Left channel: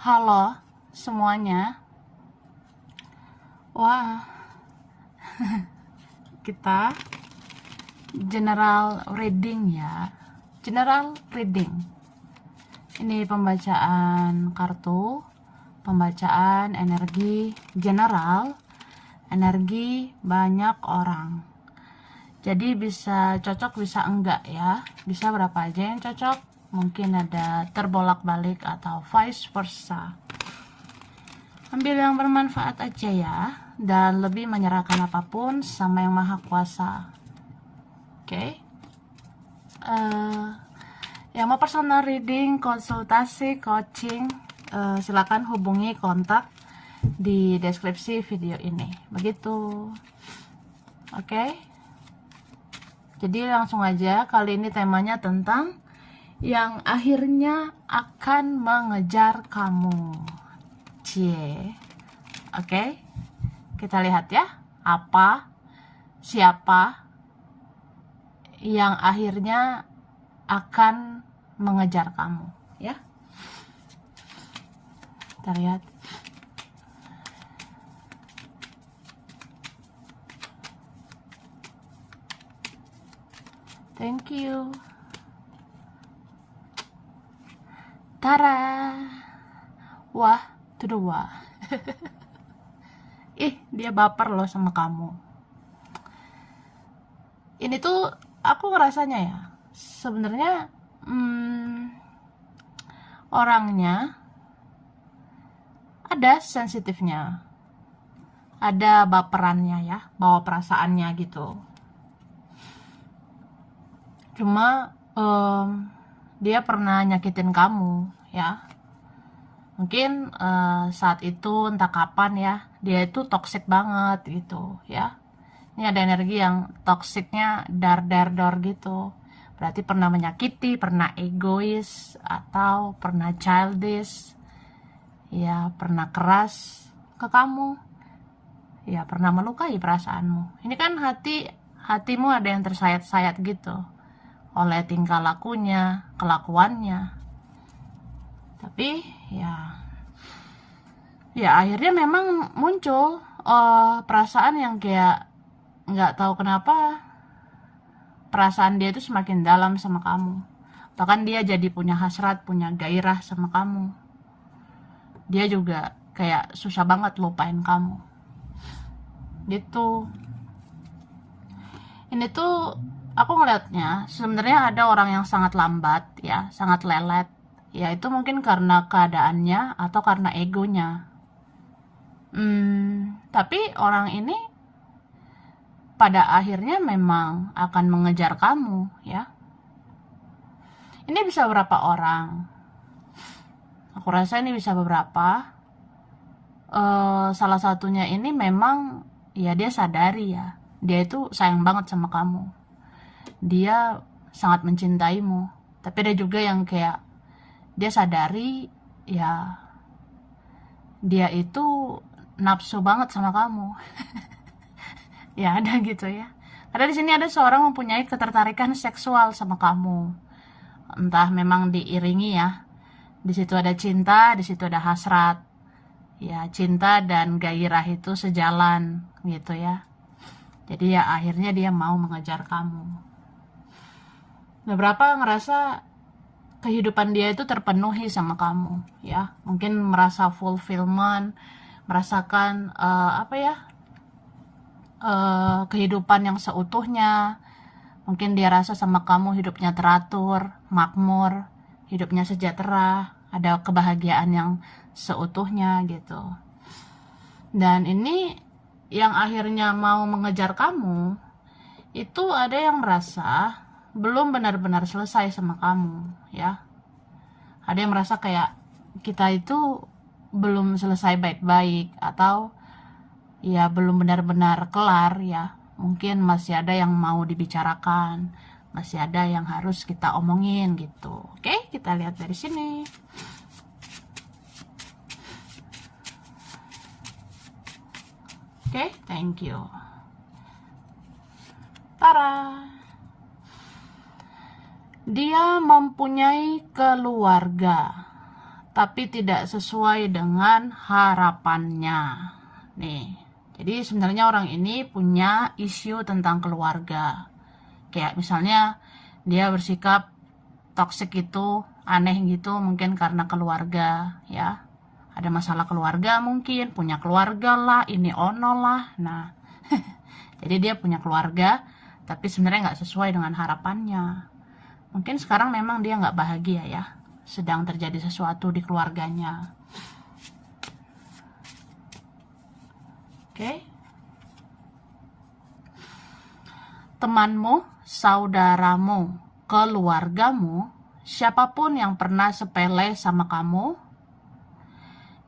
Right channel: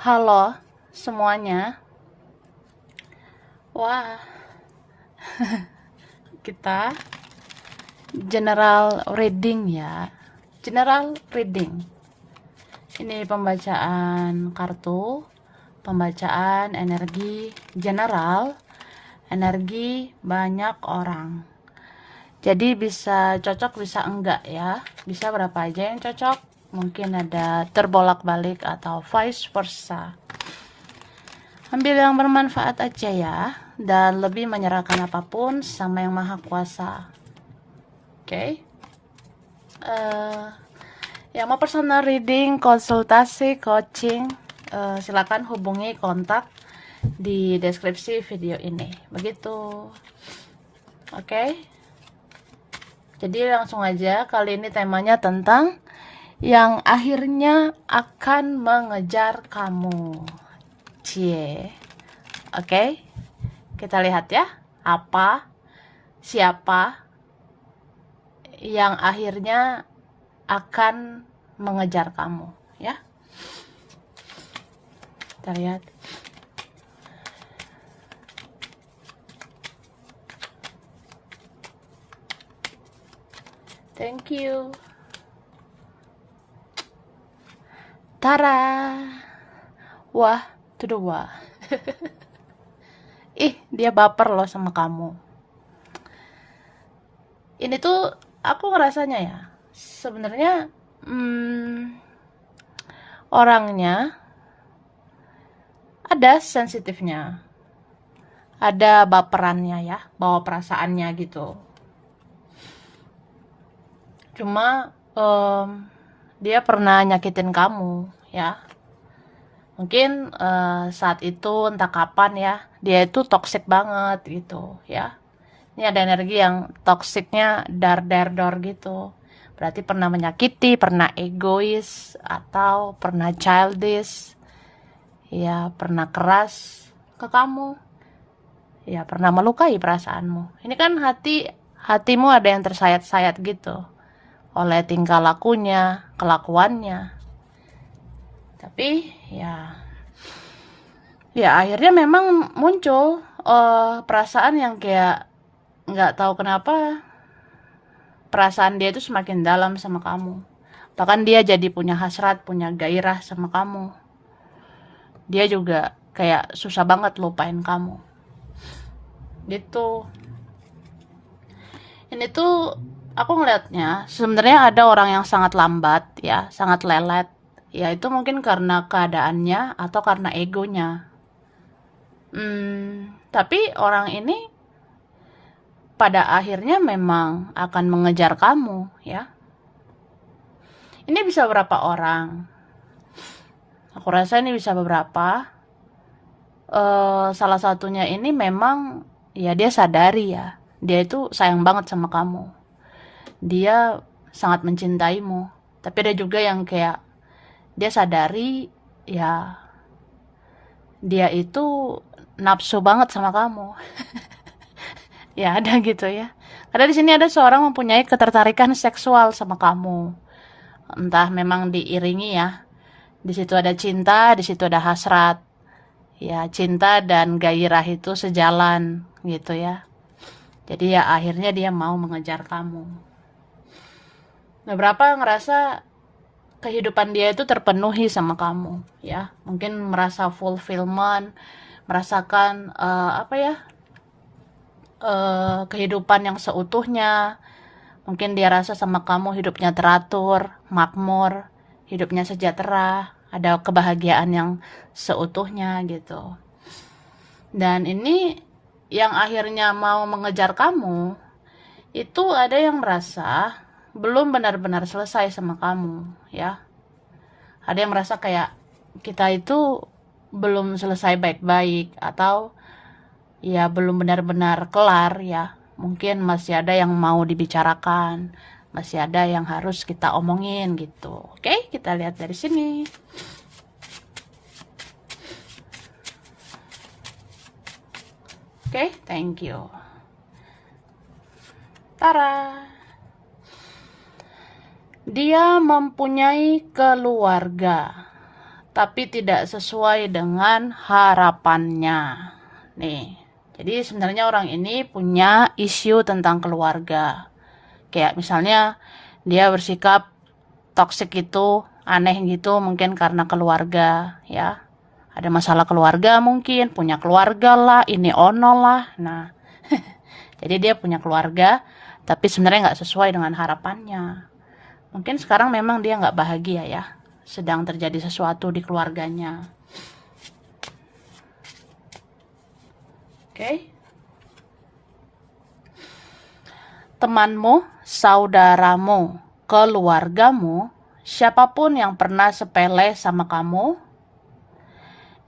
Halo semuanya. Wah, kita general reading ya. General reading. Ini pembacaan kartu, pembacaan energi general, energi banyak orang. Jadi bisa cocok bisa enggak ya. Bisa berapa aja yang cocok. Mungkin ada terbolak-balik atau vice versa. Ambil yang bermanfaat aja ya, dan lebih menyerahkan apapun sama yang maha kuasa. Oke. Yang mau personal reading, konsultasi, coaching, silakan hubungi kontak di deskripsi video ini. Begitu. Oke. Jadi langsung aja, kali ini temanya tentang yang akhirnya akan mengejar kamu. Cie. Oke. Kita lihat ya, apa, siapa yang akhirnya akan mengejar kamu, ya. Kita lihat. Thank you. Tara. Wah, to the wah. Dia baper loh sama kamu. Ini tuh aku ngerasanya ya, sebenarnya orangnya ada sensitifnya, ada baperannya ya, bawa perasaannya gitu. Cuma dia pernah nyakitin kamu ya. Mungkin saat itu entah kapan ya, dia itu toxic banget gitu ya. Ini ada energi yang toksiknya dar gitu. Berarti pernah menyakiti, pernah egois, atau pernah childish. Ya, pernah keras ke kamu. Ya, pernah melukai perasaanmu. Ini kan hatimu ada yang tersayat-sayat gitu oleh tingkah lakunya, kelakuannya. Tapi ya akhirnya memang muncul perasaan yang kayak nggak tahu kenapa perasaan dia itu semakin dalam sama kamu. Bahkan dia jadi punya hasrat, punya gairah sama kamu. Dia juga kayak susah banget lupain kamu. Gitu. Ini tuh aku ngelihatnya sebenarnya ada orang yang sangat lambat ya, sangat lelet. Ya itu mungkin karena keadaannya atau karena egonya. Tapi orang ini pada akhirnya memang akan mengejar kamu ya. Ini bisa berapa orang? Aku rasa ini bisa beberapa. Salah satunya ini memang ya dia sadari ya, dia itu sayang banget sama kamu. Dia sangat mencintaimu. Tapi ada juga yang kayak dia sadari ya dia itu nafsu banget sama kamu. Ya ada gitu ya. Karena di sini ada seorang mempunyai ketertarikan seksual sama kamu. Entah memang diiringi ya. Di situ ada cinta, di situ ada hasrat. Ya, cinta dan gairah itu sejalan gitu ya. Jadi ya akhirnya dia mau mengejar kamu. Beberapa ngerasa kehidupan dia itu terpenuhi sama kamu ya. Mungkin merasa fulfillment, merasakan kehidupan yang seutuhnya. Mungkin dia rasa sama kamu hidupnya teratur, makmur, hidupnya sejahtera, ada kebahagiaan yang seutuhnya gitu. Dan ini yang akhirnya mau mengejar kamu, itu ada yang merasa belum benar-benar selesai sama kamu ya. Ada yang merasa kayak kita itu belum selesai baik-baik, atau ya belum benar-benar kelar ya. Mungkin masih ada yang mau dibicarakan, masih ada yang harus kita omongin gitu. Oke, kita lihat dari sini. Oke, thank you. Tara. Dia mempunyai keluarga, tapi tidak sesuai dengan harapannya. Nih, jadi sebenarnya orang ini punya isu tentang keluarga. Kayak misalnya dia bersikap toksik gitu, aneh gitu, mungkin karena keluarga, ya. Ada masalah keluarga mungkin, punya keluarga lah, ini ono lah. Nah, jadi dia punya keluarga, tapi sebenarnya nggak sesuai dengan harapannya. Mungkin sekarang memang dia nggak bahagia ya, sedang terjadi sesuatu di keluarganya. Oke. Temanmu, saudaramu, keluargamu, siapapun yang pernah sepele sama kamu,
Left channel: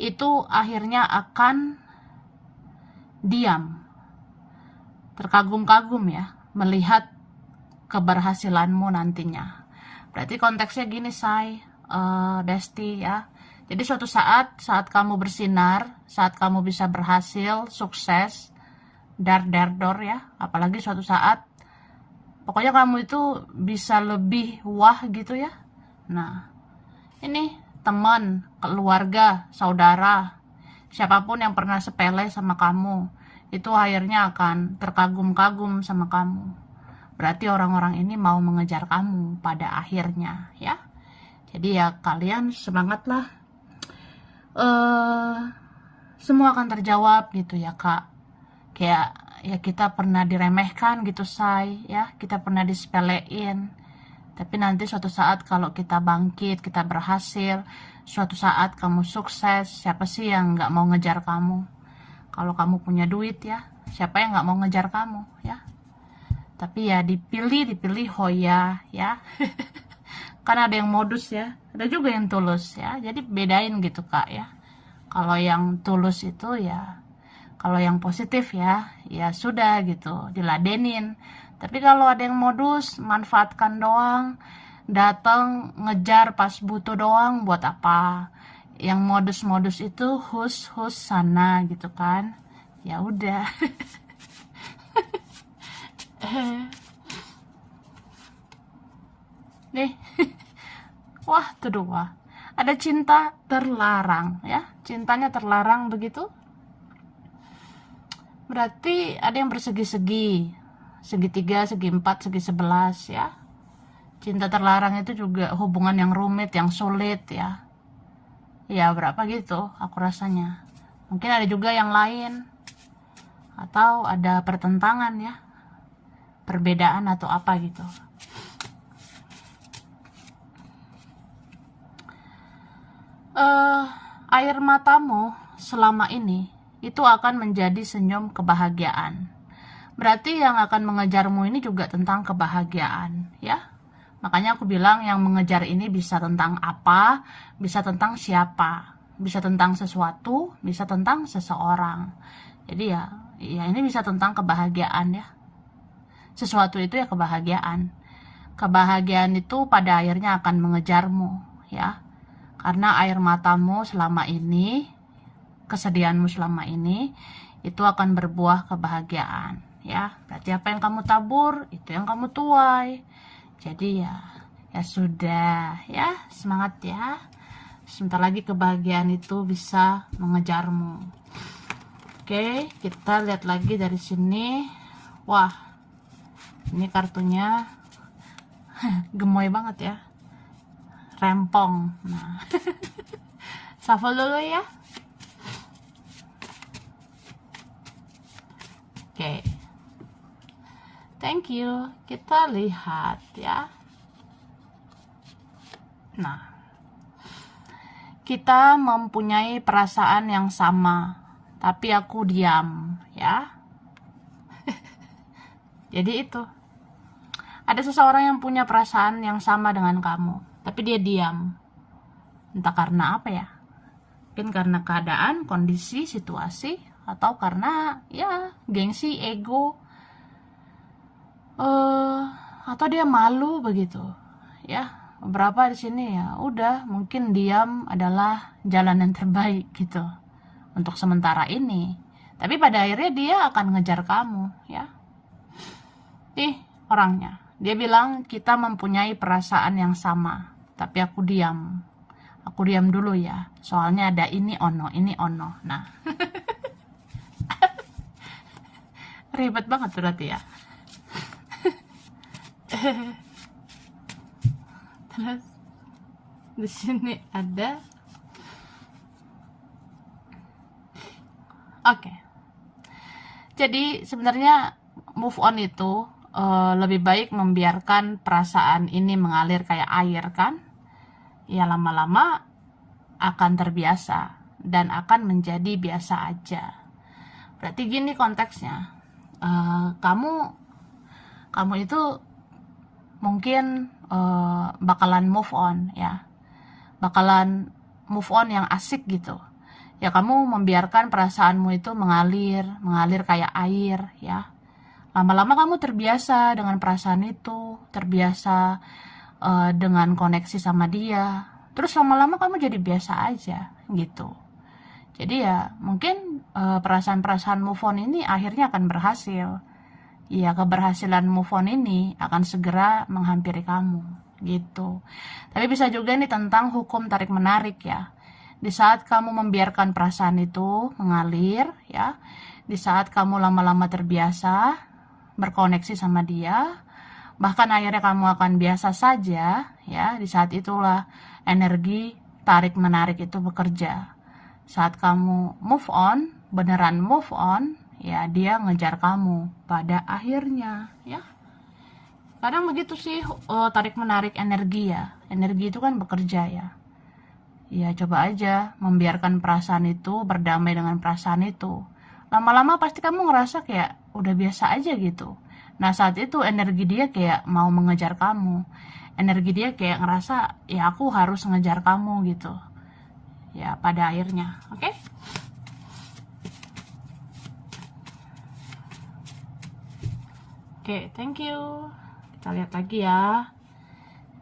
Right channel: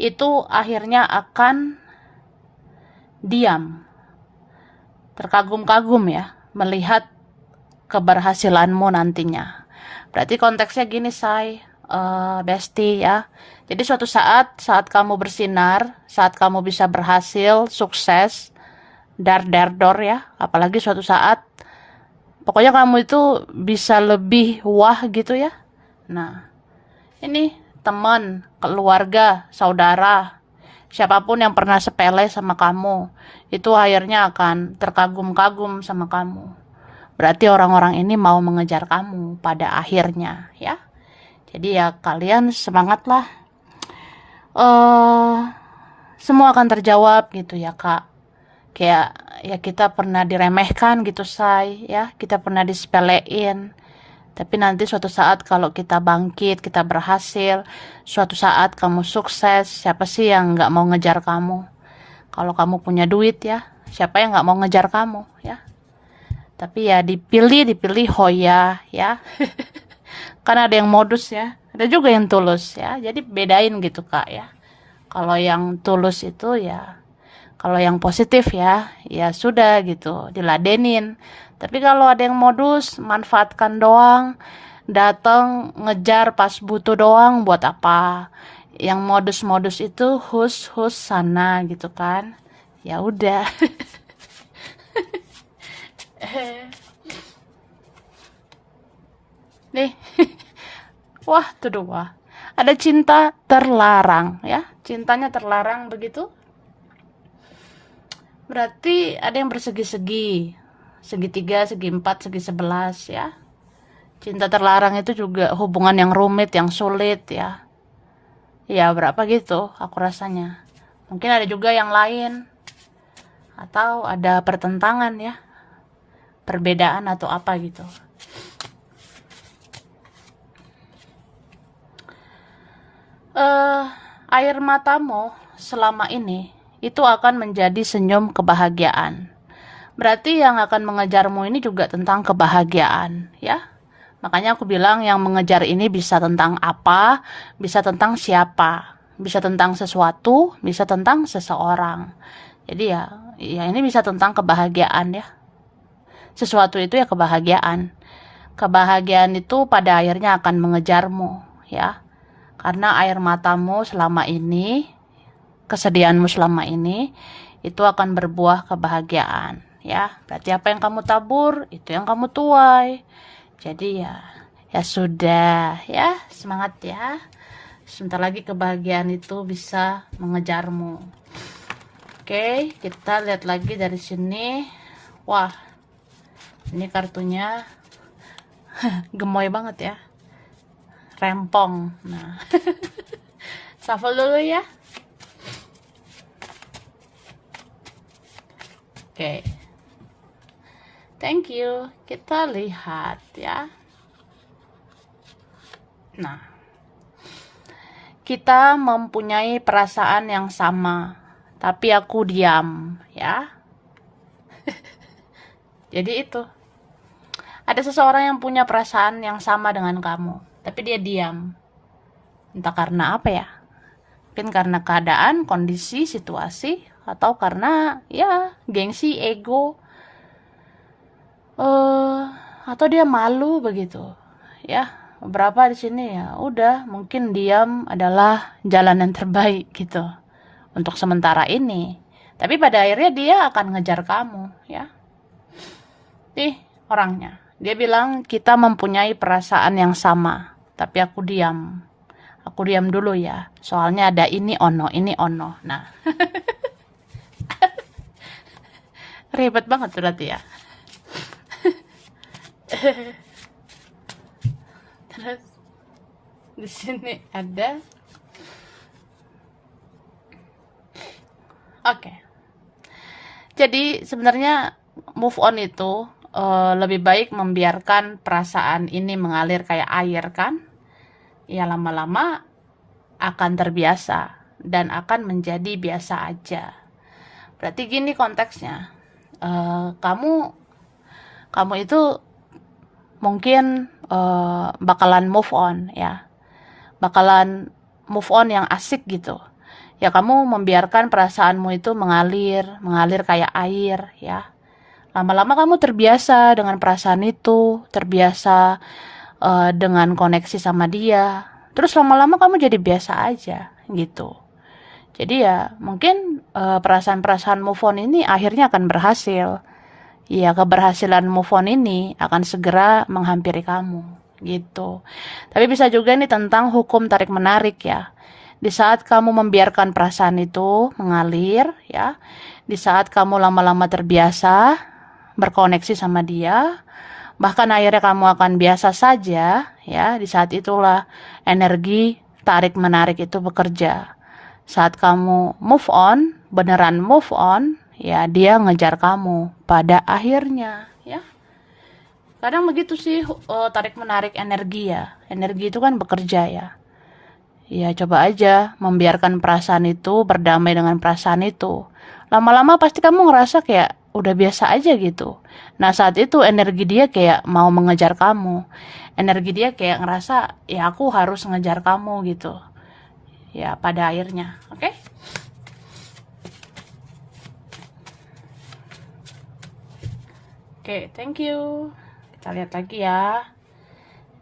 itu akhirnya akan diam, terkagum-kagum ya, melihat keberhasilanmu nantinya. Berarti konteksnya gini, Besti ya. Jadi suatu saat kamu bersinar, saat kamu bisa berhasil, sukses, dar dor ya, apalagi suatu saat pokoknya kamu itu bisa lebih wah gitu ya. Nah, ini teman, keluarga, saudara, siapapun yang pernah sepele sama kamu, itu akhirnya akan terkagum-kagum sama kamu. Berarti orang-orang ini mau mengejar kamu pada akhirnya ya. Jadi ya kalian semangatlah. Semua akan terjawab gitu ya Kak. Kayak ya kita pernah diremehkan gitu ya, kita pernah disepelein. Tapi nanti suatu saat kalau kita bangkit, kita berhasil, suatu saat kamu sukses, siapa sih yang nggak mau ngejar kamu? Kalau kamu punya duit ya, siapa yang nggak mau ngejar kamu ya? Tapi ya dipilih Hoya ya. Karena ada yang modus ya, ada juga yang tulus ya. Jadi bedain gitu Kak ya. Kalau yang tulus itu ya, kalau yang positif ya sudah gitu, diladenin. Tapi kalau ada yang modus, manfaatkan doang, datang ngejar pas butuh doang, buat apa? Yang modus-modus itu hus sana gitu kan. Ya udah. Nih. Wah, tuh dua. Ada cinta terlarang ya. Cintanya terlarang begitu. Berarti ada yang bersegi-segi. Segitiga, segi empat, segi 11 ya. Cinta terlarang itu juga hubungan yang rumit, yang sulit ya. Ya berapa gitu aku rasanya. Mungkin ada juga yang lain. Atau ada pertentangan ya. Perbedaan atau apa gitu. Air matamu selama ini itu akan menjadi senyum kebahagiaan. Berarti yang akan mengejarmu ini juga tentang kebahagiaan ya. Makanya aku bilang yang mengejar ini bisa tentang apa, bisa tentang siapa, bisa tentang sesuatu, bisa tentang seseorang. Jadi ya ini bisa tentang kebahagiaan ya. Sesuatu itu ya kebahagiaan. Kebahagiaan itu pada akhirnya akan mengejarmu ya. Karena air matamu selama ini, kesedihanmu selama ini, itu akan berbuah kebahagiaan ya. Berarti apa yang kamu tabur, itu yang kamu tuai. Jadi ya sudah ya, semangat ya. Sebentar lagi kebahagiaan itu bisa mengejarmu. Oke, kita lihat lagi dari sini. Wah, ini kartunya gemoy banget ya. Rempong. Nah. Shuffle dulu ya. Oke. Thank you. Kita lihat ya. Nah. Kita mempunyai perasaan yang sama, tapi aku diam ya. Jadi itu. Ada seseorang yang punya perasaan yang sama dengan kamu, tapi dia diam. Entah karena apa ya. Mungkin karena keadaan, kondisi, situasi, atau karena ya gengsi, ego, atau dia malu begitu. Ya, beberapa di sini ya udah mungkin diam adalah jalan yang terbaik gitu untuk sementara ini. Tapi pada akhirnya dia akan ngejar kamu ya. Nih orangnya. Dia bilang kita mempunyai perasaan yang sama, tapi aku diam. Aku diam dulu ya. Soalnya ada ini ono, ini ono. Nah, ribet banget berarti ya. Terus di sini ada. Oke. Jadi sebenarnya move on itu lebih baik membiarkan perasaan ini mengalir kayak air kan? Ya lama-lama akan terbiasa dan akan menjadi biasa aja. Berarti gini konteksnya. Kamu kamu itu mungkin bakalan move on ya. Bakalan move on yang asik gitu. Ya kamu membiarkan perasaanmu itu mengalir kayak air ya. Lama-lama kamu terbiasa dengan perasaan itu, terbiasa dengan koneksi sama dia. Terus lama-lama kamu jadi biasa aja gitu. Jadi ya mungkin perasaan-perasaan move on ini akhirnya akan berhasil. Ya keberhasilan move on ini akan segera menghampiri kamu gitu. Tapi bisa juga nih tentang hukum tarik menarik ya. Di saat kamu membiarkan perasaan itu mengalir ya, di saat kamu lama-lama terbiasa berkoneksi sama dia, bahkan akhirnya kamu akan biasa saja ya, di saat itulah energi tarik menarik itu bekerja. Saat kamu move on, beneran move on, ya dia ngejar kamu pada akhirnya ya. Kadang begitu sih tarik menarik energi ya. Energi itu kan bekerja ya. Ya coba aja membiarkan perasaan itu, berdamai dengan perasaan itu. Lama-lama pasti kamu ngerasa kayak udah biasa aja gitu. Nah saat itu energi dia kayak mau mengejar kamu. Energi dia kayak ngerasa ya aku harus ngejar kamu gitu. Ya pada akhirnya, oke? Oke, thank you. Kita lihat lagi ya.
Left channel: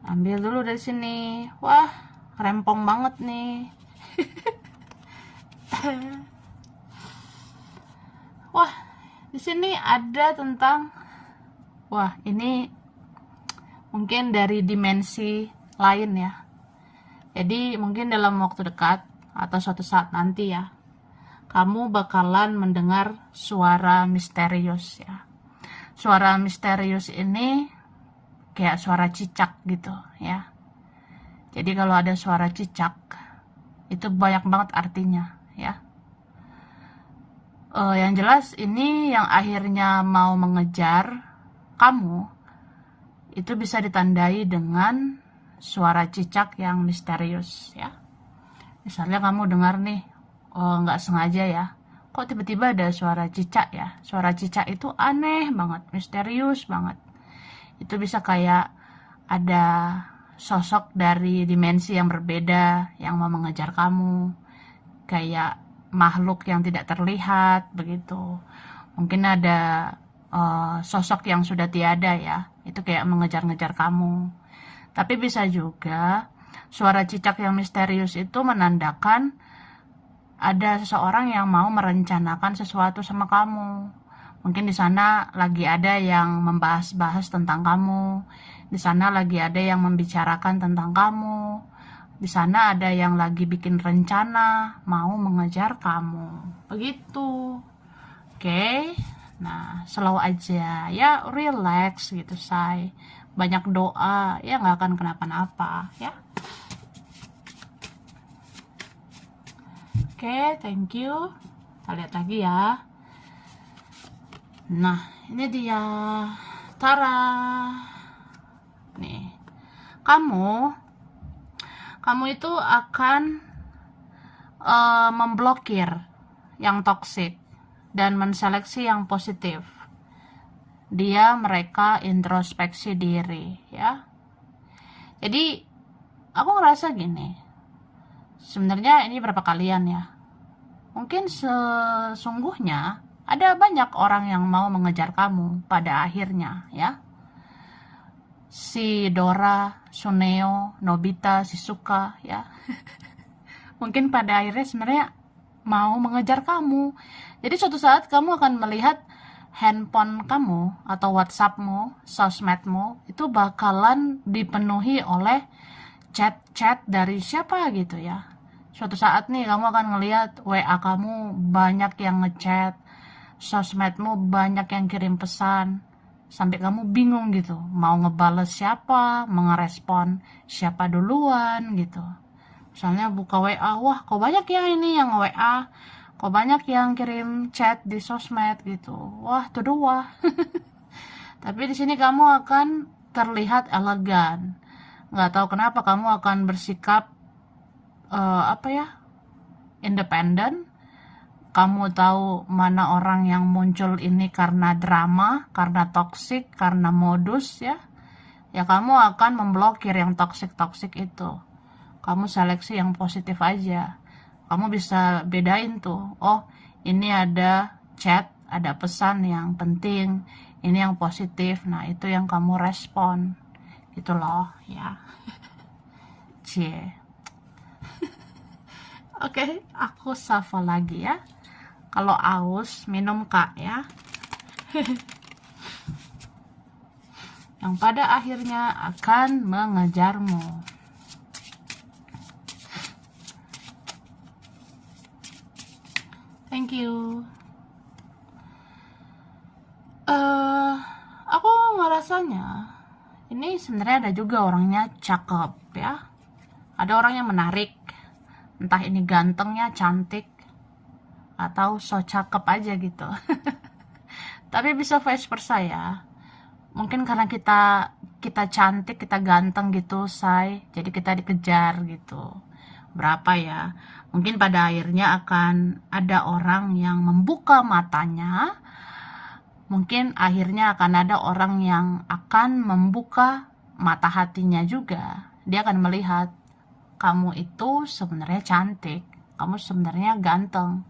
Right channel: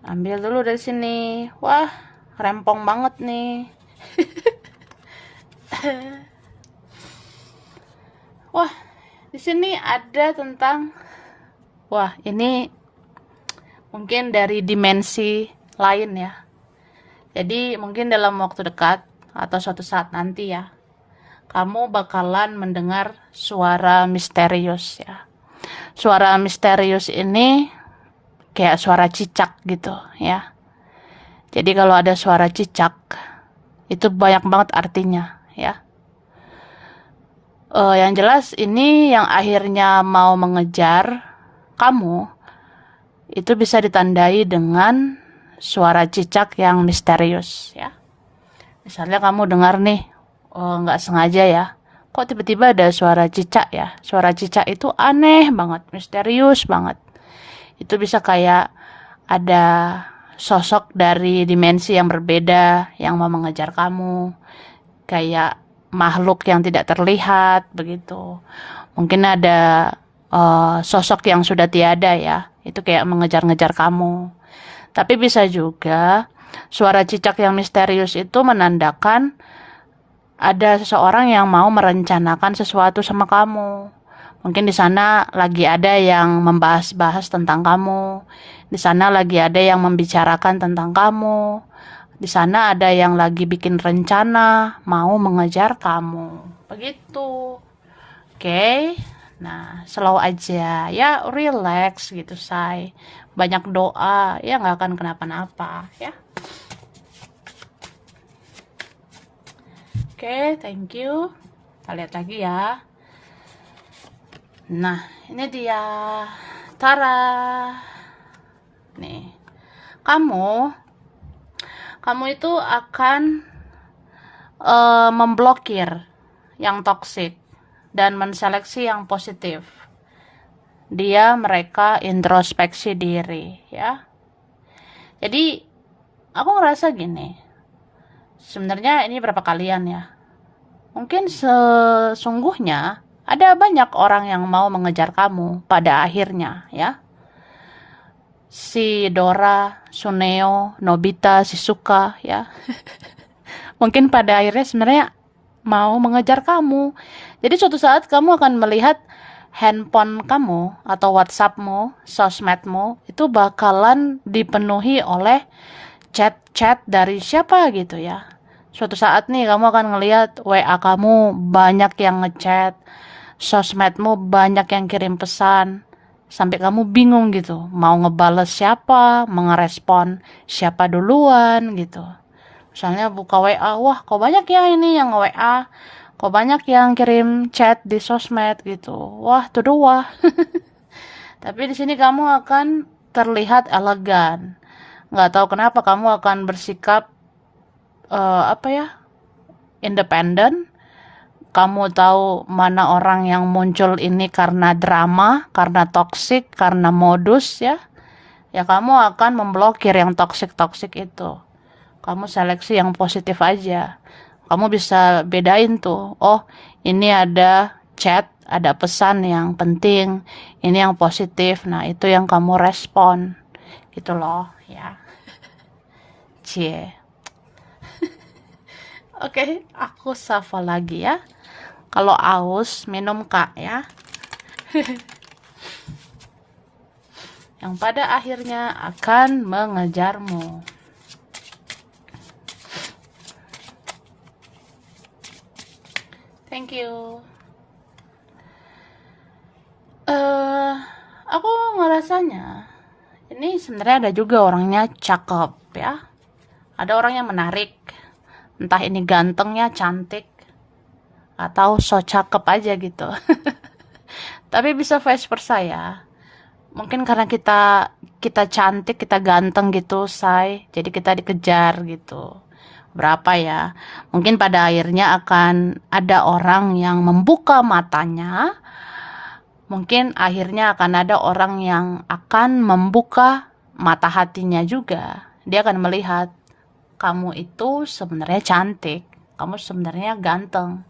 Ambil dulu dari sini. Wah, rempong banget nih. Wah, di sini ada tentang, wah ini mungkin dari dimensi lain ya. Jadi mungkin dalam waktu dekat atau suatu saat nanti ya, kamu bakalan mendengar suara misterius ya. Suara misterius ini kayak suara cicak gitu ya. Jadi kalau ada suara cicak, itu banyak banget artinya ya. Yang jelas ini yang akhirnya mau mengejar kamu, itu bisa ditandai dengan suara cicak yang misterius ya. Misalnya kamu dengar nih, oh nggak sengaja ya, kok tiba-tiba ada suara cicak ya. Suara cicak itu aneh banget, misterius banget. Itu bisa kayak ada sosok dari dimensi yang berbeda yang mau mengejar kamu. Kayak makhluk yang tidak terlihat begitu. Mungkin ada sosok yang sudah tiada ya. Itu kayak mengejar-ngejar kamu. Tapi bisa juga suara cicak yang misterius itu menandakan ada seseorang yang mau merencanakan sesuatu sama kamu. Mungkin di sana lagi ada yang membahas-bahas tentang kamu. Di sana lagi ada yang membicarakan tentang kamu. Di sana ada yang lagi bikin rencana mau mengejar kamu. Begitu. Oke. Nah, slow aja. Ya, relax gitu, say. Banyak doa, ya nggak akan kenapa-napa, ya. Oke, thank you. Kita lihat lagi ya. Nah, ini dia. Tara. Nih. Kamu itu akan memblokir yang toksik dan menseleksi yang positif. Mereka introspeksi diri ya. Jadi aku ngerasa gini, sebenarnya ini berapa kalian ya, mungkin sesungguhnya ada banyak orang yang mau mengejar kamu pada akhirnya ya. Si Dora, Suneo, Nobita, Shizuka ya. Mungkin pada akhirnya sebenarnya mau mengejar kamu. Jadi suatu saat kamu akan melihat handphone kamu atau WhatsAppmu, sosmedmu itu bakalan dipenuhi oleh chat dari siapa gitu ya. Suatu saat nih kamu akan ngelihat WA kamu banyak yang ngechat, sosmedmu banyak yang kirim pesan, sampai kamu bingung gitu, mau ngebales siapa, mau ngerespon siapa duluan gitu. Misalnya buka WA, wah kok banyak ya ini yang WA, kok banyak yang kirim chat di sosmed gitu. Wah, tuh wah. Tapi di sini kamu akan terlihat elegan. Nggak tahu kenapa kamu akan bersikap apa ya, independen. Kamu tahu mana orang yang muncul ini karena drama, karena toksik, karena modus ya. Ya kamu akan memblokir yang toksik-toksik itu. Kamu seleksi yang positif aja. Kamu bisa bedain tuh. Oh, ini ada chat, ada pesan yang penting. Ini yang positif. Nah, itu yang kamu respon. Gitu loh, ya. Cie. Oke, aku sapa lagi ya. Kalau aus, minum Kak ya. Yang pada akhirnya akan mengejarmu. Thank you. Aku ngerasanya ini sebenarnya ada juga orangnya cakep ya. Ada orang yang menarik. Entah ini gantengnya, cantik, atau so cakep aja gitu. Tapi bisa vice versa ya. Mungkin karena kita cantik, kita ganteng gitu, say. Jadi kita dikejar gitu. Berapa ya? Mungkin pada akhirnya akan ada orang yang membuka matanya. Mungkin akhirnya akan ada orang yang akan membuka mata hatinya juga. Dia akan melihat kamu itu sebenarnya cantik, kamu sebenarnya ganteng,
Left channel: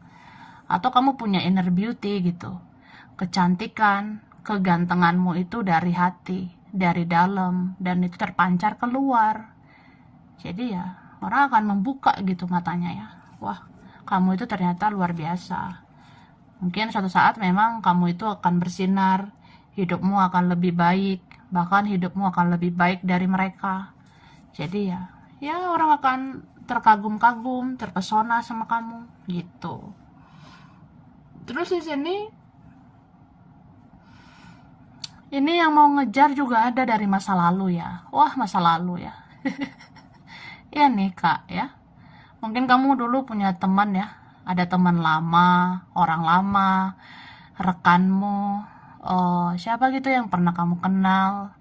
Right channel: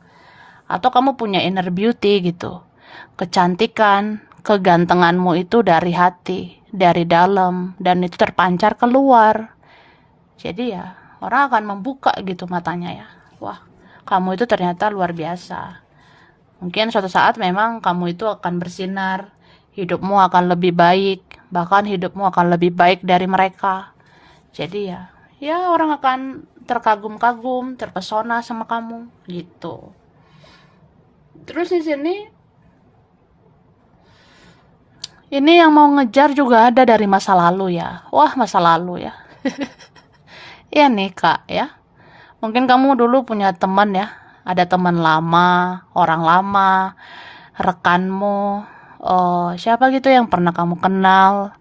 atau kamu punya inner beauty gitu. Kecantikan, kegantenganmu itu dari hati, dari dalam, dan itu terpancar keluar. Jadi ya, orang akan membuka gitu matanya ya. Wah, kamu itu ternyata luar biasa. Mungkin suatu saat memang kamu itu akan bersinar, hidupmu akan lebih baik, bahkan hidupmu akan lebih baik dari mereka. Jadi ya orang akan terkagum-kagum, terpesona sama kamu gitu. Terus di sini ini yang mau ngejar juga ada dari masa lalu ya. Wah, masa lalu ya. Iya nih Kak ya. Mungkin kamu dulu punya teman ya. Ada teman lama, orang lama, rekanmu, oh, siapa gitu yang pernah kamu kenal.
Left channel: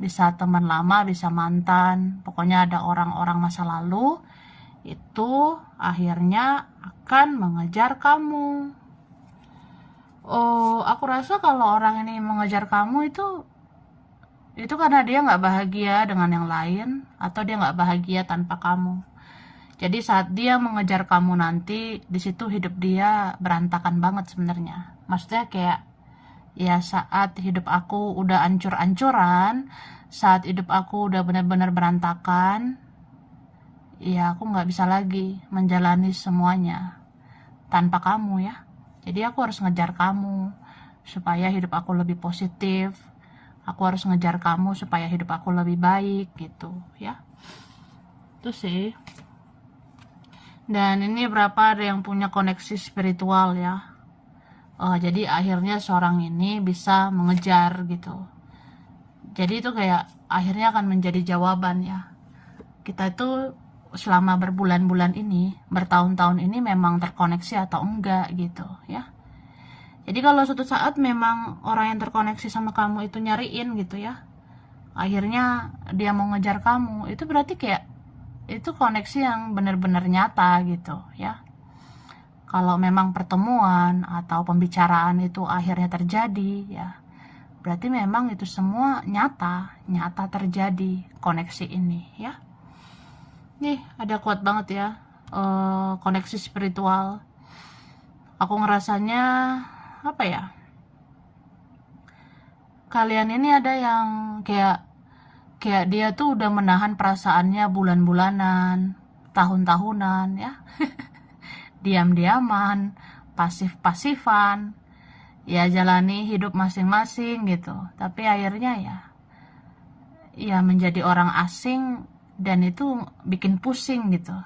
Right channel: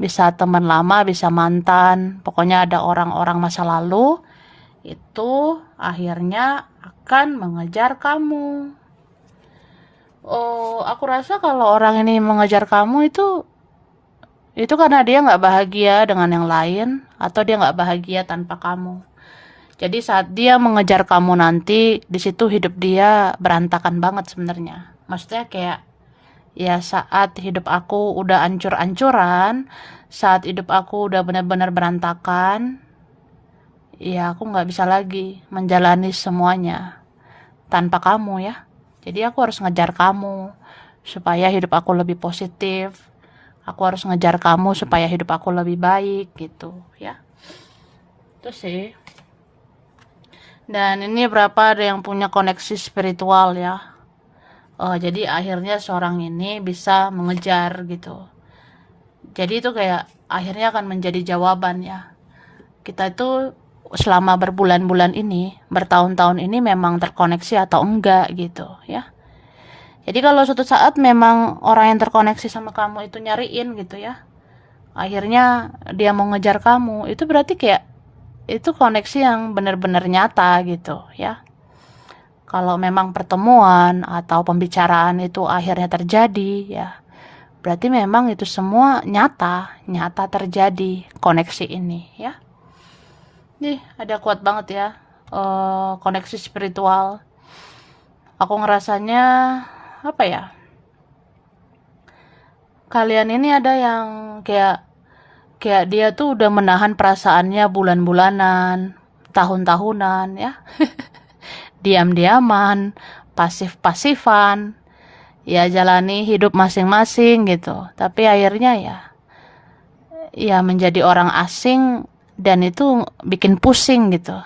Bisa teman lama, bisa mantan. Pokoknya ada orang-orang masa lalu itu akhirnya akan mengejar kamu. Oh, aku rasa kalau orang ini mengejar kamu itu karena dia nggak bahagia dengan yang lain atau dia nggak bahagia tanpa kamu. Jadi saat dia mengejar kamu nanti, di situ hidup dia berantakan banget sebenarnya. Maksudnya kayak ya saat hidup aku udah ancur-ancuran, saat hidup aku udah benar-benar berantakan, ya aku nggak bisa lagi menjalani semuanya tanpa kamu ya. Jadi aku harus ngejar kamu supaya hidup aku lebih positif. Aku harus ngejar kamu supaya hidup aku lebih baik gitu ya. Terus sih. Dan ini berapa ada yang punya koneksi spiritual ya. Jadi akhirnya seorang ini bisa mengejar gitu. Jadi itu kayak akhirnya akan menjadi jawaban ya. Kita itu selama berbulan-bulan ini, bertahun-tahun ini memang terkoneksi atau enggak gitu ya. Jadi kalau suatu saat memang orang yang terkoneksi sama kamu itu nyariin gitu ya, akhirnya dia mau ngejar kamu, itu berarti kayak itu koneksi yang benar-benar nyata gitu ya. Kalau memang pertemuan atau pembicaraan itu akhirnya terjadi ya, berarti memang itu semua nyata terjadi koneksi ini ya. Nih, ada kuat banget ya, koneksi spiritual. Aku ngerasanya, apa ya, kalian ini ada yang kayak kayak dia tuh udah menahan perasaannya bulan-bulanan, tahun-tahunan ya. Diam-diaman, pasif-pasifan, ya jalani hidup masing-masing gitu. Tapi akhirnya ya menjadi orang asing dan itu bikin pusing gitu.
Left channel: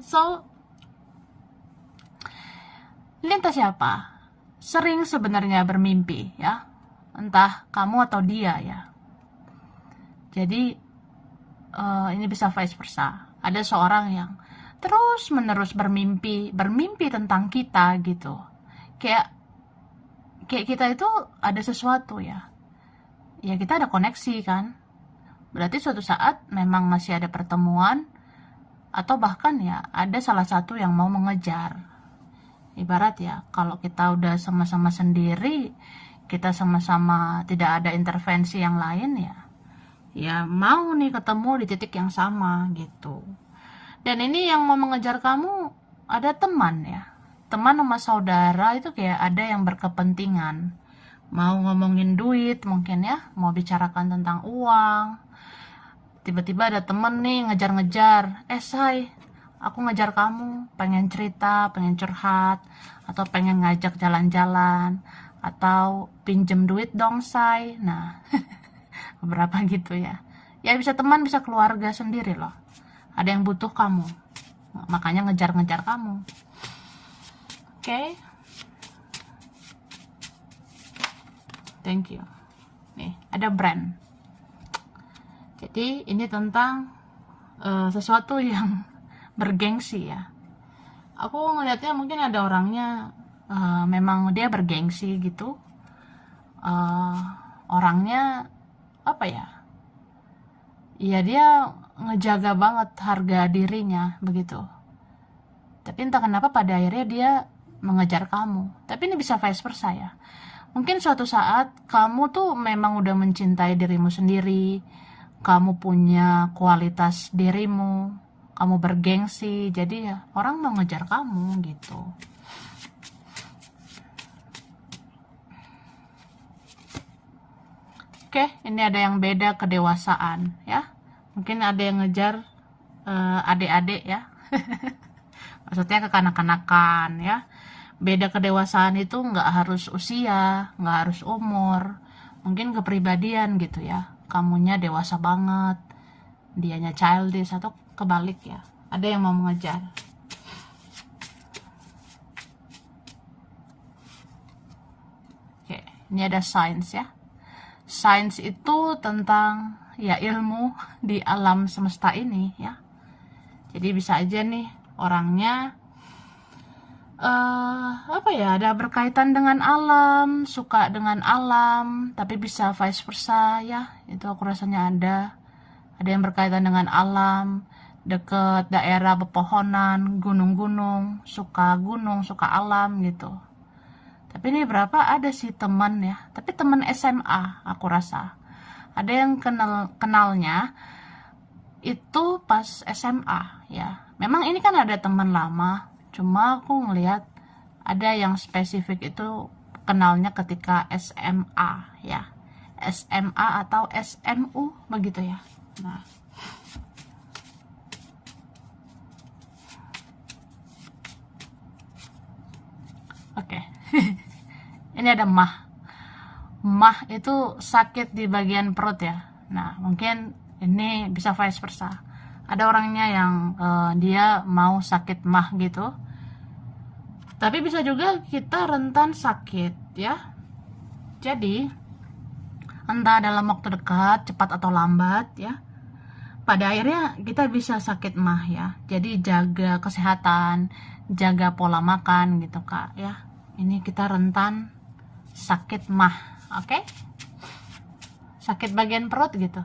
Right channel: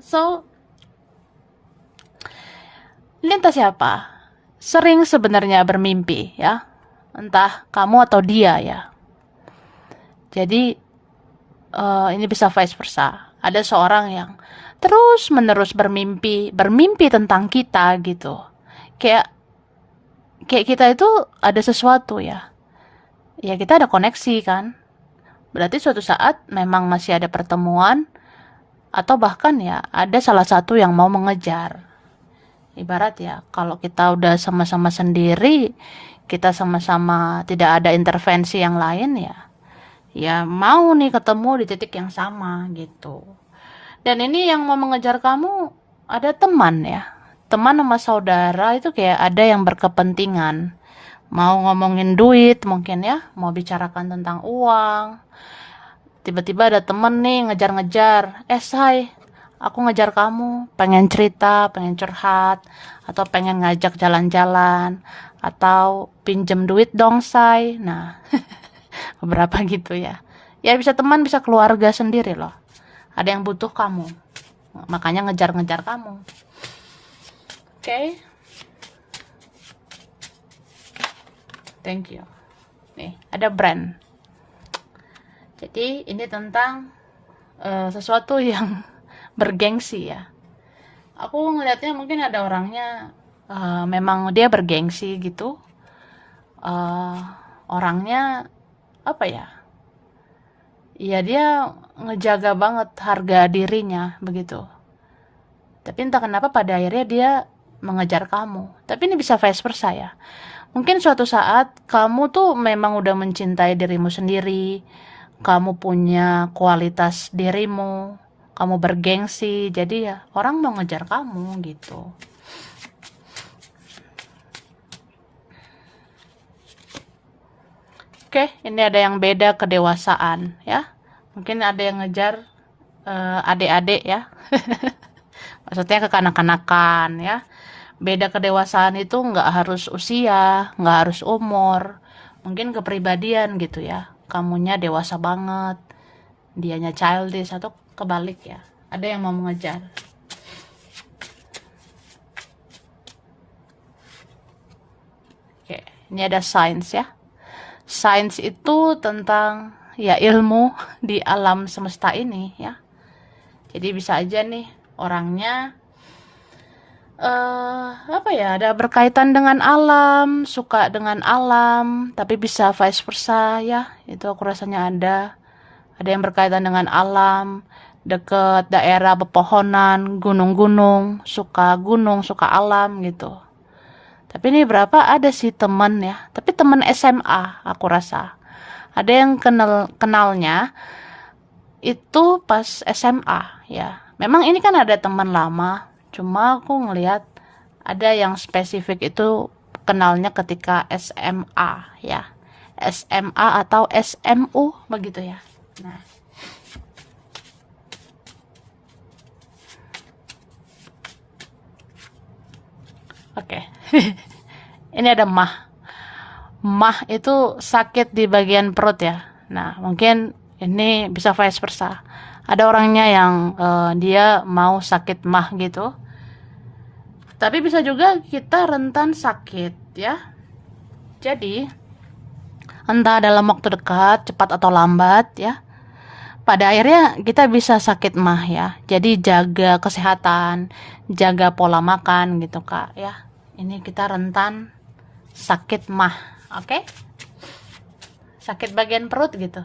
So, lintas siapa? Sering sebenarnya bermimpi ya, entah kamu atau dia ya. Jadi ini bisa vice versa. Ada seorang yang terus menerus bermimpi tentang kita gitu. Kayak kayak kita itu ada sesuatu ya. Ya kita ada koneksi kan. Berarti suatu saat memang masih ada pertemuan atau bahkan ya ada salah satu yang mau mengejar. Ibarat ya, kalau kita udah sama-sama sendiri, kita sama-sama tidak ada intervensi yang lain ya mau nih ketemu di titik yang sama gitu. Dan ini yang mau mengejar kamu ada teman ya. Teman sama saudara itu kayak ada yang berkepentingan. Mau ngomongin duit mungkin ya, mau bicarakan tentang uang. Tiba-tiba ada temen nih ngejar-ngejar. Say, aku ngejar kamu. Pengen cerita, pengen curhat. Atau pengen ngajak jalan-jalan. Atau pinjem duit dong, say. Nah, beberapa gitu ya. Ya bisa teman, bisa keluarga sendiri loh. Ada yang butuh kamu. Makanya ngejar-ngejar kamu. Oke. Thank you. Nih, ada brand. Jadi ini tentang sesuatu yang bergengsi ya. Aku ngelihatnya mungkin ada orangnya memang dia bergengsi gitu. Orangnya apa ya? Ya dia ngejaga banget harga dirinya begitu. Tapi entah kenapa pada akhirnya dia mengejar kamu. Tapi ini bisa vice versa ya. Mungkin suatu saat kamu tuh memang udah mencintai dirimu sendiri, kamu punya kualitas dirimu, kamu bergengsi, jadi ya orang mau ngejar kamu gitu. Oke, ini ada yang beda kedewasaan ya. Mungkin ada yang ngejar adik-adik ya. Maksudnya kekanak-kanakan ya. Beda kedewasaan itu nggak harus usia, nggak harus umur, mungkin kepribadian gitu ya. Kamunya dewasa banget, dianya childish atau kebalik ya. Ada yang mau mengejar. Oke, ini ada science ya. Science itu tentang ya ilmu di alam semesta ini ya. Jadi bisa aja nih orangnya apa ya, ada berkaitan dengan alam, suka dengan alam, tapi bisa vice versa ya. Itu aku rasanya ada yang berkaitan dengan alam, deket daerah pepohonan, gunung-gunung, suka gunung, suka alam gitu. Tapi ini berapa ada sih teman ya, tapi teman SMA aku rasa. Ada yang kenalnya itu pas SMA ya. Memang ini kan ada teman lama, cuma aku ngelihat ada yang spesifik itu kenalnya ketika SMA ya. SMA atau SMU begitu ya. Nah, oke. Ini ada mah. Mah itu sakit di bagian perut ya. Nah, mungkin ini bisa vice versa. Ada orangnya yang dia mau sakit mah gitu. Tapi bisa juga kita rentan sakit ya. Jadi, entah dalam waktu dekat, cepat atau lambat ya. Pada akhirnya kita bisa sakit mah ya. Jadi jaga kesehatan, jaga pola makan gitu Kak ya. Ini kita rentan sakit mah, oke? Sakit bagian perut gitu.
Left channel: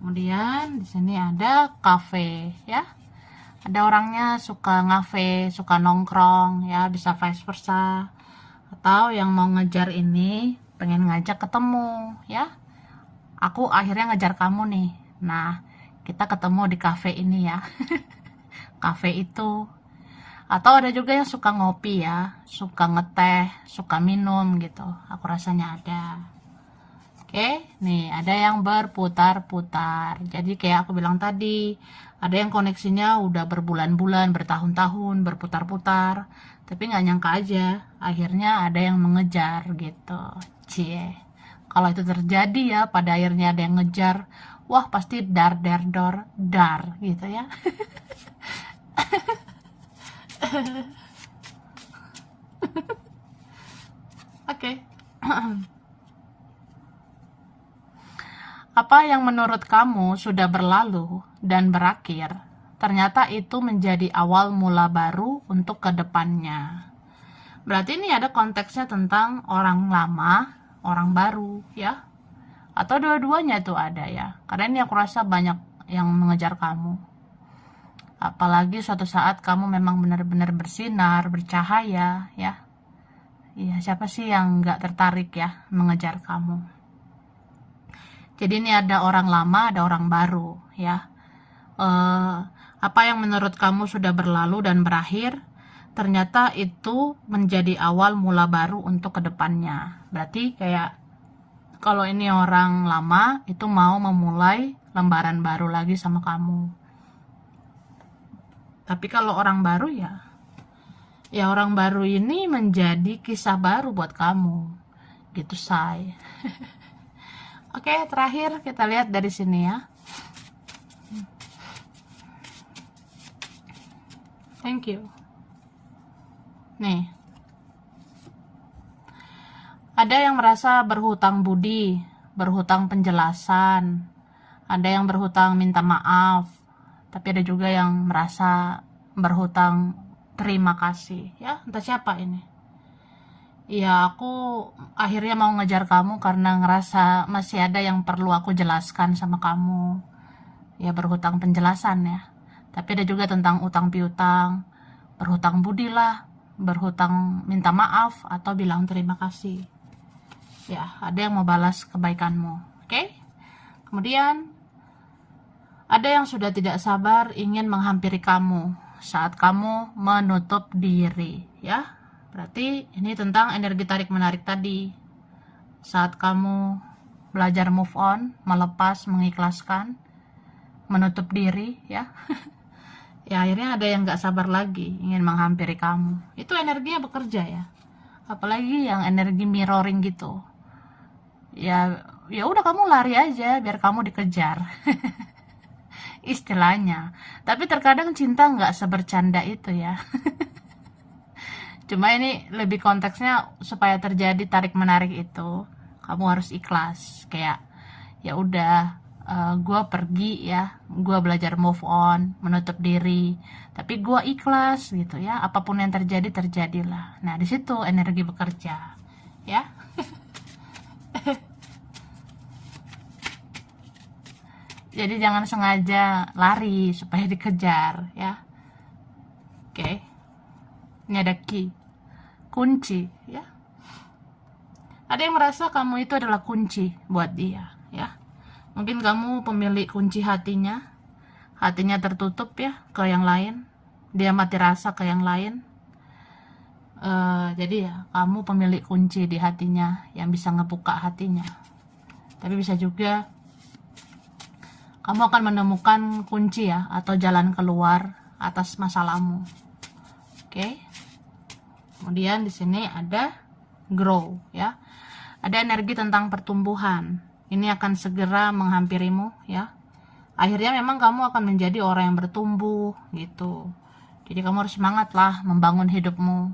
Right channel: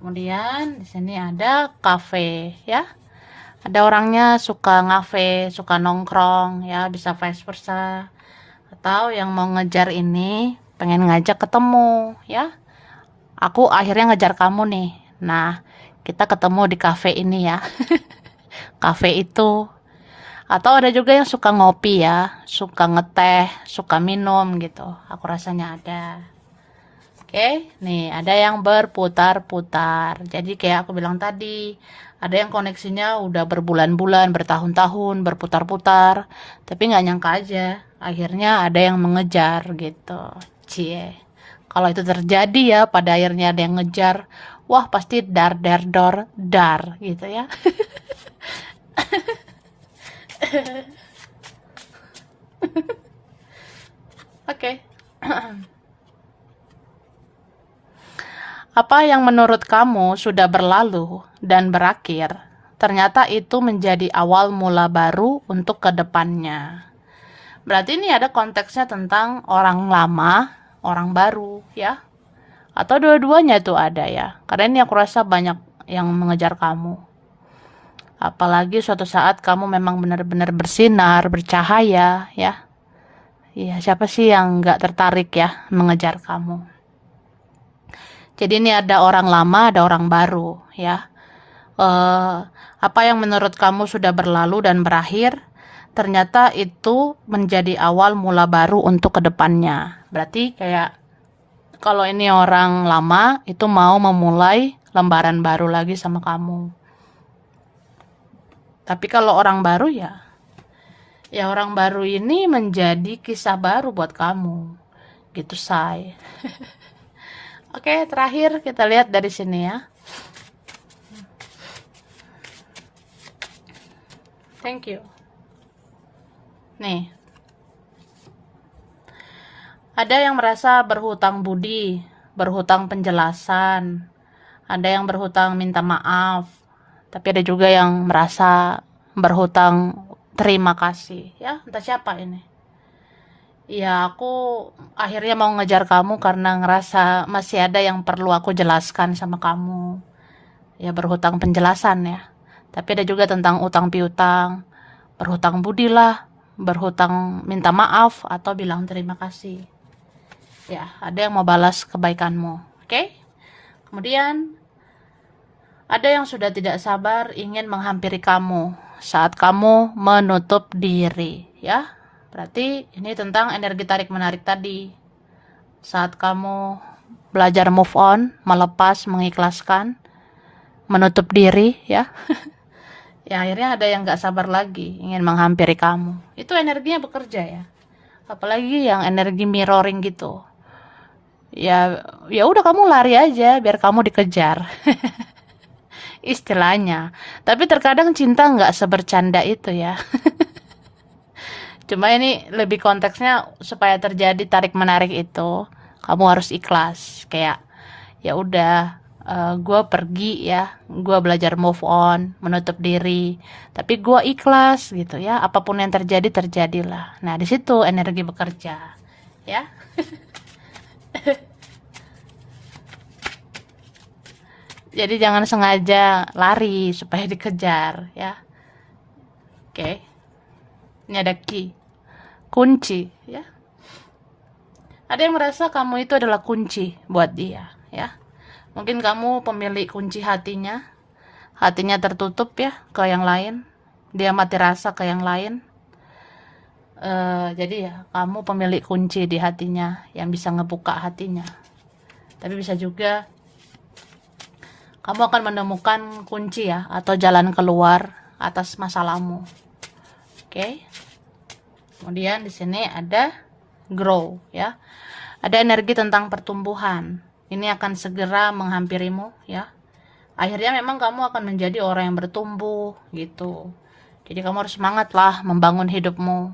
Kemudian di sini ada kafe ya. Ada orangnya suka ngafe, suka nongkrong ya, bisa vice versa. Atau yang mau ngejar ini pengen ngajak ketemu ya. Aku akhirnya ngejar kamu nih. Nah, kita ketemu di kafe ini ya. Kafe itu. Atau ada juga yang suka ngopi ya, suka ngeteh, suka minum gitu. Aku rasanya ada. Oke, nih ada yang berputar-putar. Jadi kayak aku bilang tadi, ada yang koneksinya udah berbulan-bulan, bertahun-tahun, berputar-putar. Tapi nggak nyangka aja, akhirnya ada yang mengejar gitu. Cie, Kalau itu terjadi ya, pada akhirnya ada yang ngejar, wah pasti dar der dor dar gitu ya. Oke. Apa yang menurut kamu sudah berlalu dan berakhir, ternyata itu menjadi awal mula baru untuk kedepannya. Berarti ini ada konteksnya tentang orang lama, orang baru, ya. Atau dua-duanya itu ada ya. Karena ini aku rasa banyak yang mengejar kamu. Apalagi suatu saat kamu memang benar-benar bersinar, bercahaya, ya. Iya, siapa sih yang nggak tertarik ya mengejar kamu? Jadi ini ada orang lama, ada orang baru, ya. Apa yang menurut kamu sudah berlalu dan berakhir, ternyata itu menjadi awal mula baru untuk kedepannya. Berarti kayak kalau ini orang lama itu mau memulai lembaran baru lagi sama kamu. Tapi kalau orang baru ya orang baru ini menjadi kisah baru buat kamu. Gitu, say. Oke, terakhir kita lihat dari sini ya. Thank you. Nih. Ada yang merasa berhutang budi, berhutang penjelasan, ada yang berhutang minta maaf, tapi ada juga yang merasa berhutang terima kasih. Ya, entah siapa ini. Ya, aku akhirnya mau ngejar kamu karena ngerasa masih ada yang perlu aku jelaskan sama kamu. Ya, berhutang penjelasan ya. Tapi ada juga tentang utang piutang, berhutang budi lah, berhutang minta maaf atau bilang terima kasih. Ya, ada yang mau balas kebaikanmu. Oke? Kemudian ada yang sudah tidak sabar ingin menghampiri kamu saat kamu menutup diri, ya. Berarti ini tentang energi tarik menarik tadi. Saat kamu belajar move on, melepas, mengikhlaskan, menutup diri, ya. Ya akhirnya ada yang gak sabar lagi ingin menghampiri kamu. Itu energinya bekerja ya. Apalagi yang energi mirroring gitu. Ya udah kamu lari aja biar kamu dikejar. Istilahnya. Tapi terkadang cinta nggak sebercanda itu ya. Cuma ini lebih konteksnya supaya terjadi tarik menarik itu kamu harus ikhlas. Kayak ya udah, gue pergi ya, gue belajar move on, menutup diri, tapi gue ikhlas gitu ya, apapun yang terjadi terjadilah. Nah di situ energi bekerja ya. Jadi jangan sengaja lari supaya dikejar ya. Oke. Ini ada key, kunci ya. Ada yang merasa kamu itu adalah kunci buat dia ya. Mungkin kamu pemilik kunci hatinya. Hatinya tertutup ya ke yang lain. Dia mati rasa ke yang lain. Jadi ya kamu pemilik kunci di hatinya yang bisa ngebuka hatinya. Tapi bisa juga kamu akan menemukan kunci ya atau jalan keluar atas masalahmu. Oke. Kemudian di sini ada grow ya. Ada energi tentang pertumbuhan. Ini akan segera menghampirimu ya. Akhirnya memang kamu akan menjadi orang yang bertumbuh gitu. Jadi kamu harus semangat lah membangun hidupmu.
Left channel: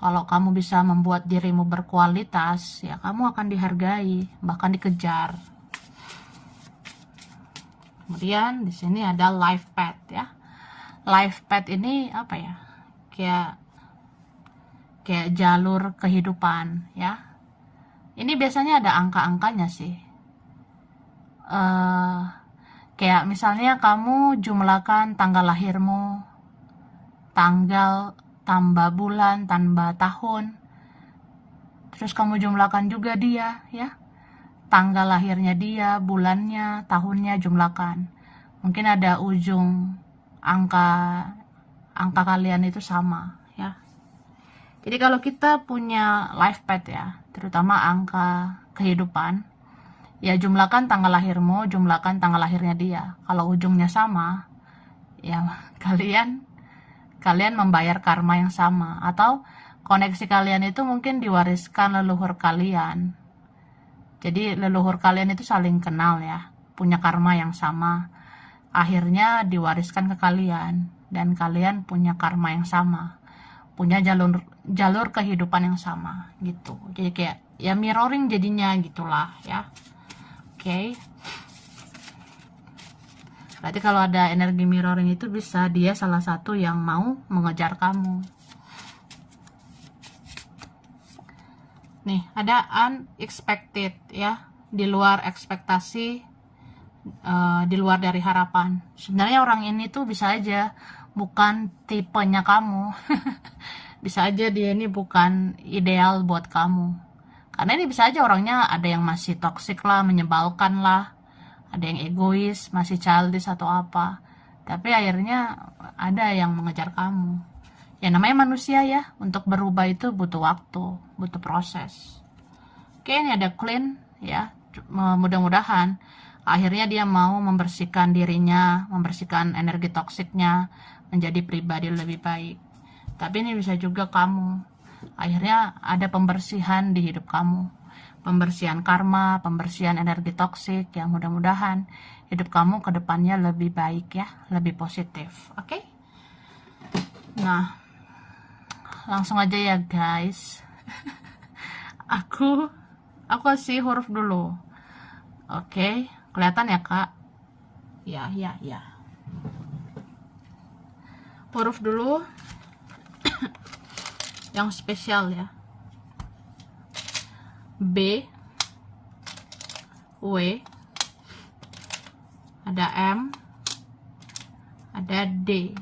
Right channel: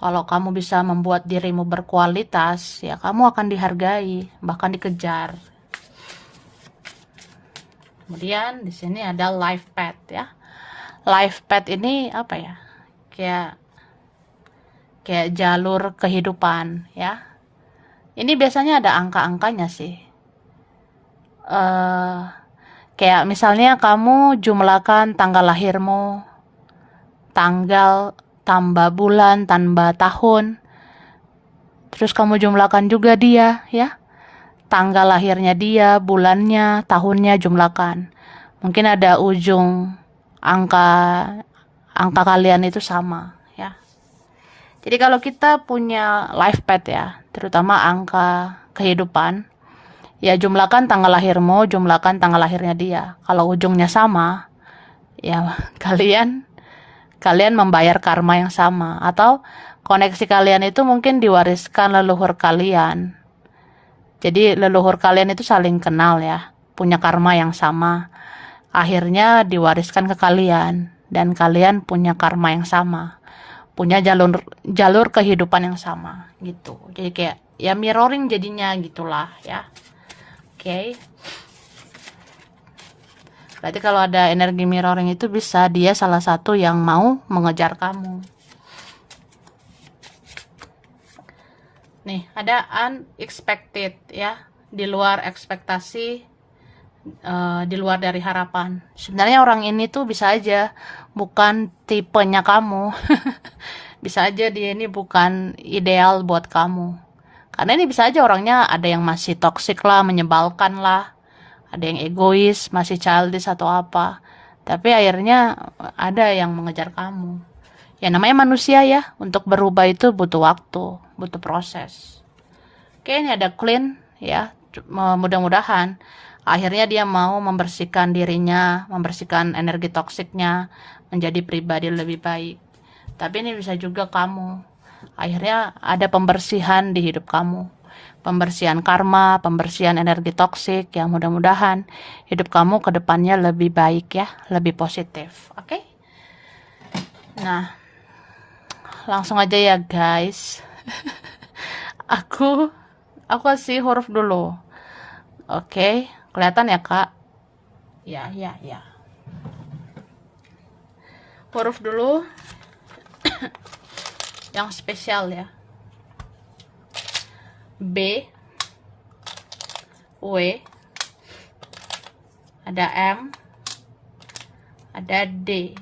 Kalau kamu bisa membuat dirimu berkualitas, ya kamu akan dihargai, bahkan dikejar. Kemudian di sini ada life path ya. Life path ini apa ya? Kayak jalur kehidupan ya. Ini biasanya ada angka-angkanya sih. Kayak misalnya kamu jumlahkan tanggal lahirmu, tanggal tambah bulan tambah tahun, terus kamu jumlahkan juga dia ya, tanggal lahirnya dia, bulannya, tahunnya jumlahkan. Mungkin ada ujung angka kalian itu sama ya. Jadi kalau kita punya life path ya, terutama angka kehidupan, ya jumlahkan tanggal lahirmu, jumlahkan tanggal lahirnya dia. Kalau ujungnya sama, ya kalian membayar karma yang sama, atau koneksi kalian itu mungkin diwariskan leluhur kalian. Jadi leluhur kalian itu saling kenal ya, punya karma yang sama. Akhirnya diwariskan ke kalian dan kalian punya karma yang sama, punya jalur jalur kehidupan yang sama gitu. Jadi kayak ya mirroring jadinya gitulah ya. Oke. Berarti kalau ada energi mirroring itu bisa dia salah satu yang mau mengejar kamu. Nih, ada unexpected ya, di luar ekspektasi, di luar dari harapan. Sebenarnya orang ini tuh bisa aja bukan tipenya kamu. Bisa aja dia ini bukan ideal buat kamu. Karena ini bisa aja orangnya ada yang masih toksik lah, menyebalkan lah, ada yang egois, masih childish atau apa. Tapi akhirnya ada yang mengejar kamu. Ya namanya manusia ya, untuk berubah itu butuh waktu, butuh proses. Oke, ini ada clean ya. Mudah-mudahan akhirnya dia mau membersihkan dirinya, membersihkan energi toksiknya, menjadi pribadi lebih baik. Tapi ini bisa juga kamu. Akhirnya ada pembersihan di hidup kamu. Pembersihan karma, pembersihan energi toksik yang mudah-mudahan hidup kamu ke depannya lebih baik ya, lebih positif. Oke? Nah, langsung aja ya guys. Aku kasih huruf dulu. Oke, kelihatan ya kak? Ya. Huruf dulu yang spesial ya. B, W, ada M, ada D,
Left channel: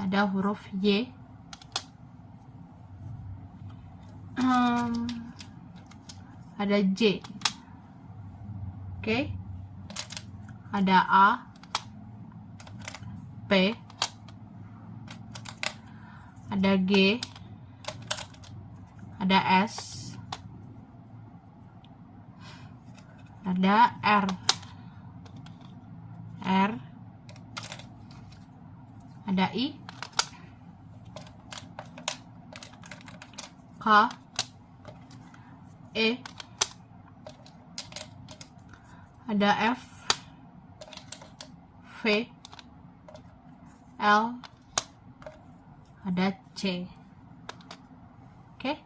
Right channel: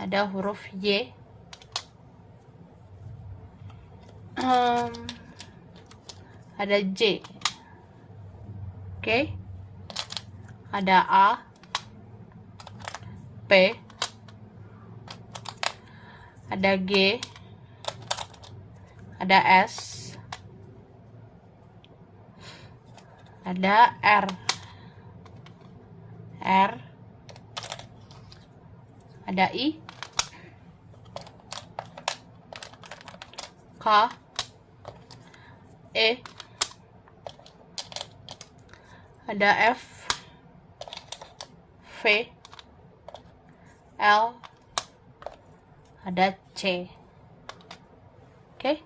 ada huruf Y, ada J, oke, ada A, P, ada G, ada S, ada R, ada I, K, E, ada F, V, L, ada C. Oke,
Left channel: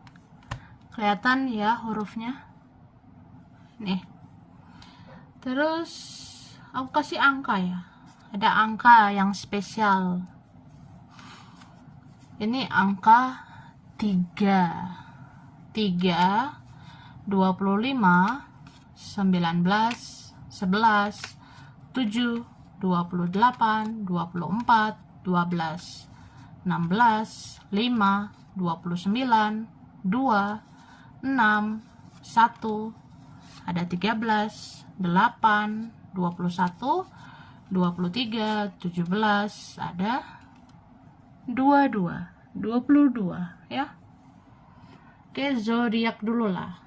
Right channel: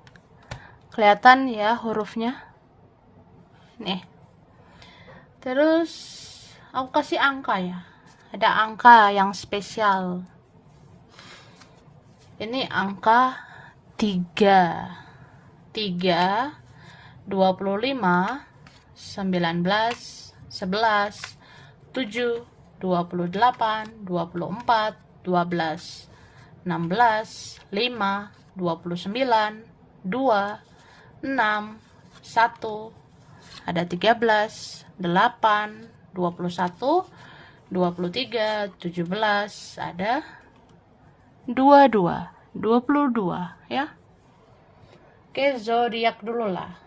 kelihatan ya hurufnya nih. Terus aku kasih angka ya, ada angka yang spesial. Ini angka 3, 25, 19, 11, 7, 28, 24, 12, 16, 5, 29, 2, 6, 1, ada 13, 8, 21, 23, 17, ada 22, 22 ya. Oke, zodiak dulu lah.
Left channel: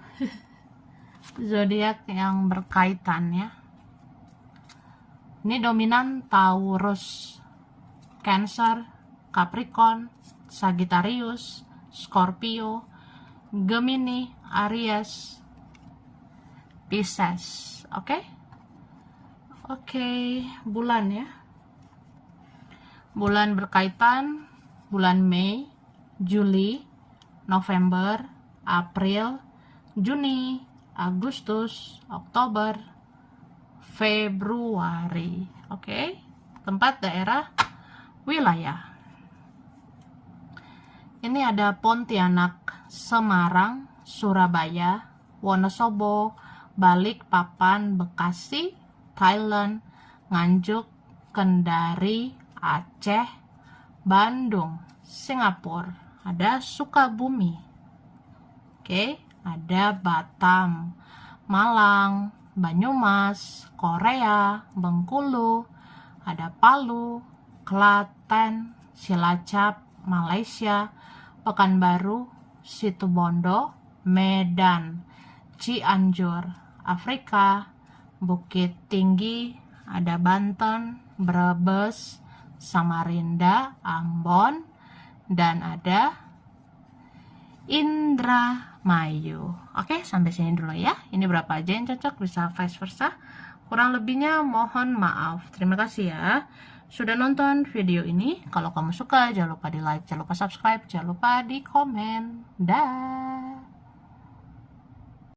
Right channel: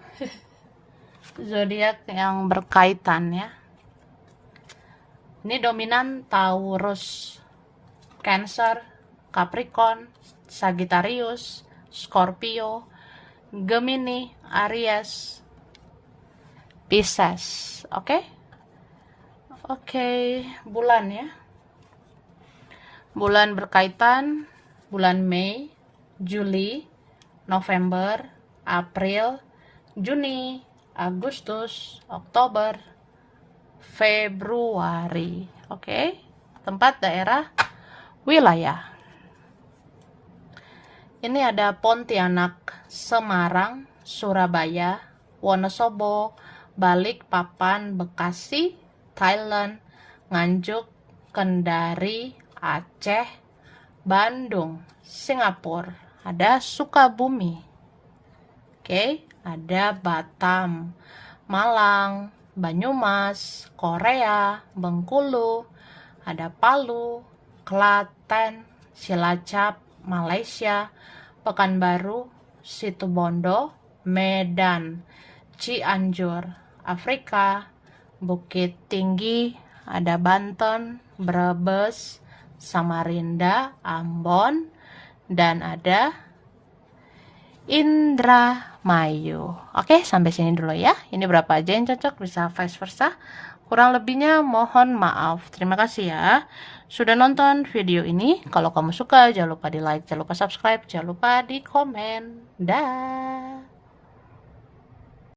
Zodiak yang berkaitan ya. Ini dominan Taurus, Cancer, Capricorn, Sagittarius, Scorpio, Gemini, Aries, Pisces. Oke, bulan ya. Bulan berkaitan, bulan Mei, Juli, November, April, Juni, Agustus, Oktober, Februari. Oke. Tempat, daerah, wilayah. Ini ada Pontianak, Semarang, Surabaya, Wonosobo, Balikpapan, Bekasi, Thailand, Nganjuk, Kendari, Aceh, Bandung, Singapura, ada Sukabumi. Oke, ada Batam, Malang, Banyumas, Korea, Bengkulu, ada Palu, Klaten, Cilacap, Malaysia, Pekanbaru, Situbondo, Medan, Cianjur, Afrika, Bukit Tinggi, ada Banten, Brebes, Samarinda, Ambon, dan ada Indramayu. Oke, sampai sini dulu ya. Ini berapa aja yang cocok, bisa vice versa. Kurang lebihnya mohon maaf. Terima kasih ya sudah nonton video ini. Kalau kamu suka, jangan lupa di like, jangan lupa subscribe, jangan lupa di komen. Dah.